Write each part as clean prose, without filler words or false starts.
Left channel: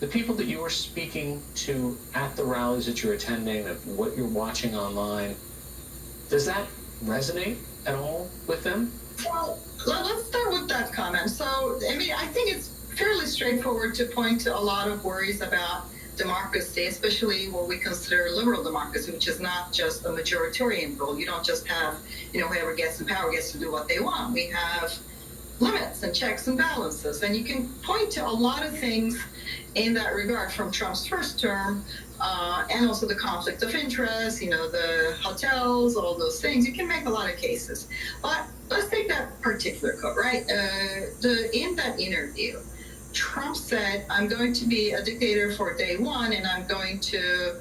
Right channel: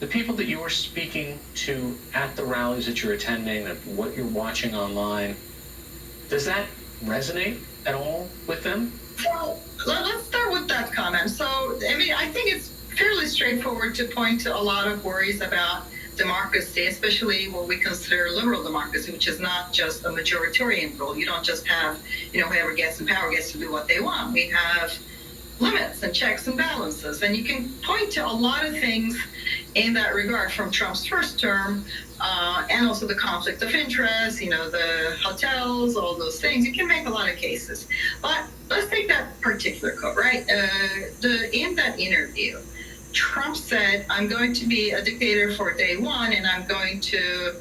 The people that you were speaking to at the rallies that you're attending, of what you're watching online, does that resonate at all with them? Well, let's start with that comment. So, I mean, I think it's fairly straightforward to point to a lot of worries about democracy, especially what we consider liberal democracy, which is not just a majoritarian rule. You don't just have, whoever gets in power gets to do what they want. We have limits and checks and balances. And you can point to a lot of things in that regard from Trump's first term and also the conflict of interest, the hotels, all those things. You can make a lot of cases. But let's take that particular quote, right? In that interview, Trump said, I'm going to be a dictator for day one, and I'm going to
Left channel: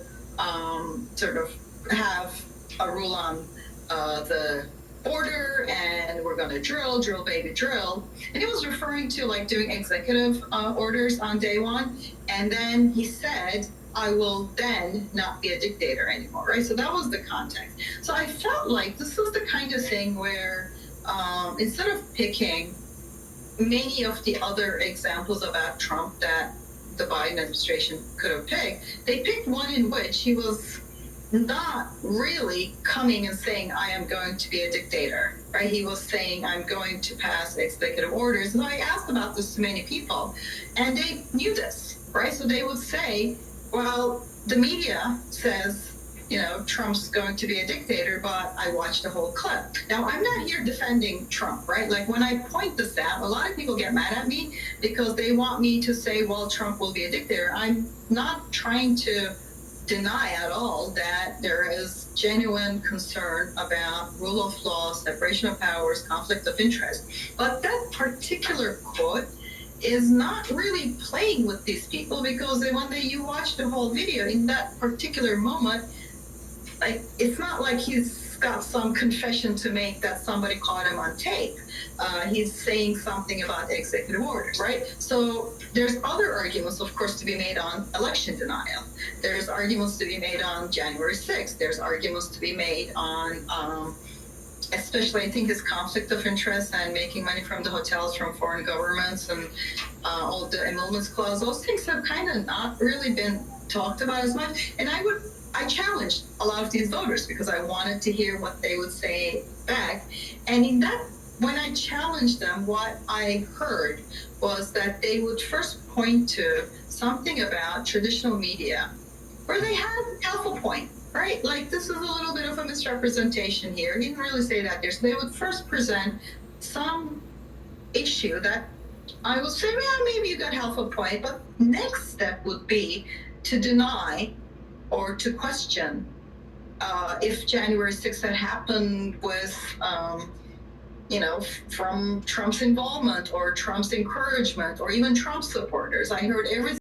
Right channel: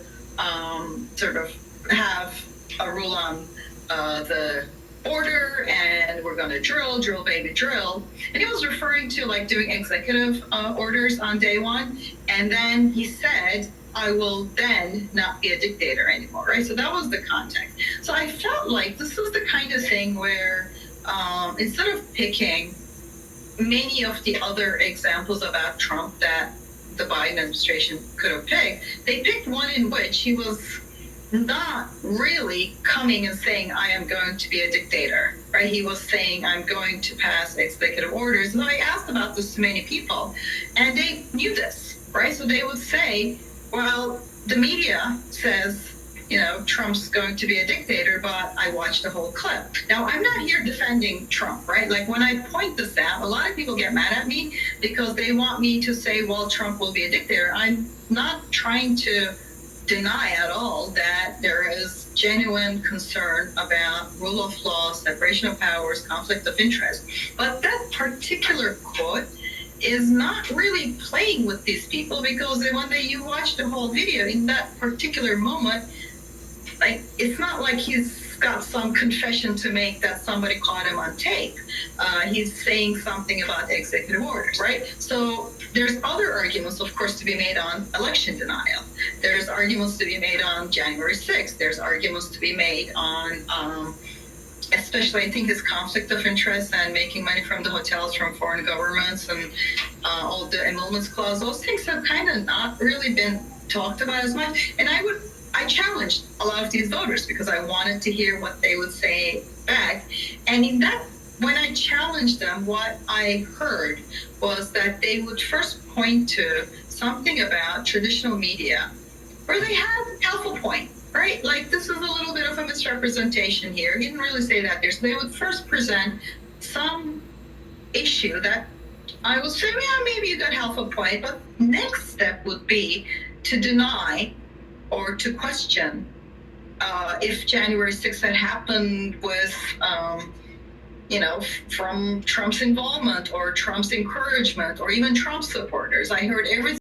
sort of have a rule on the border, and we're going to drill, baby, drill. And he was referring to like doing executive orders on day one. And then he said, I will then not be a dictator anymore, right? So that was the context. So I felt like this was the kind of thing where instead of picking many of the other examples about Trump that the Biden administration could have picked, they picked one in which he was not really coming and saying, I am going to be a dictator, right? He was saying, I'm going to pass executive orders. And I asked about this to many people, and they knew this, right? So they would say, well, the media says, Trump's going to be a dictator, but I watched the whole clip. Now, I'm not here defending Trump, right? Like when I point this out, a lot of people get mad at me because they want me to say, well, Trump will be a dictator. I'm not trying to deny at all that there is genuine concern about rule of law, separation of powers, conflict of interest. But that particular quote is not really playing with these people, because when you watch the whole video in that particular moment, like it's not like he's got some confession to make that somebody caught him on tape. He's saying something about executive orders, right? So there's other arguments, of course, to be made on election denial. There's arguments to be made on January 6th. There's arguments to be made on, especially I think his conflict of interest and making money from the hotels from foreign governments and all the emoluments clause. Those things have kind of not really been talked about as much. And I challenged a lot of these voters because I wanted to hear what they would say back. And in that, when I challenged them, what I heard was that they would first point to something about traditional media where they had half a point, right? Like this is a little bit of a misrepresentation here. He didn't really say that there. So they would first present some issue that I would say, yeah, maybe you got half a point. But next step would be to deny or to question if January 6th had happened with, from Trump's involvement or Trump's encouragement or even Trump supporters. I heard everything.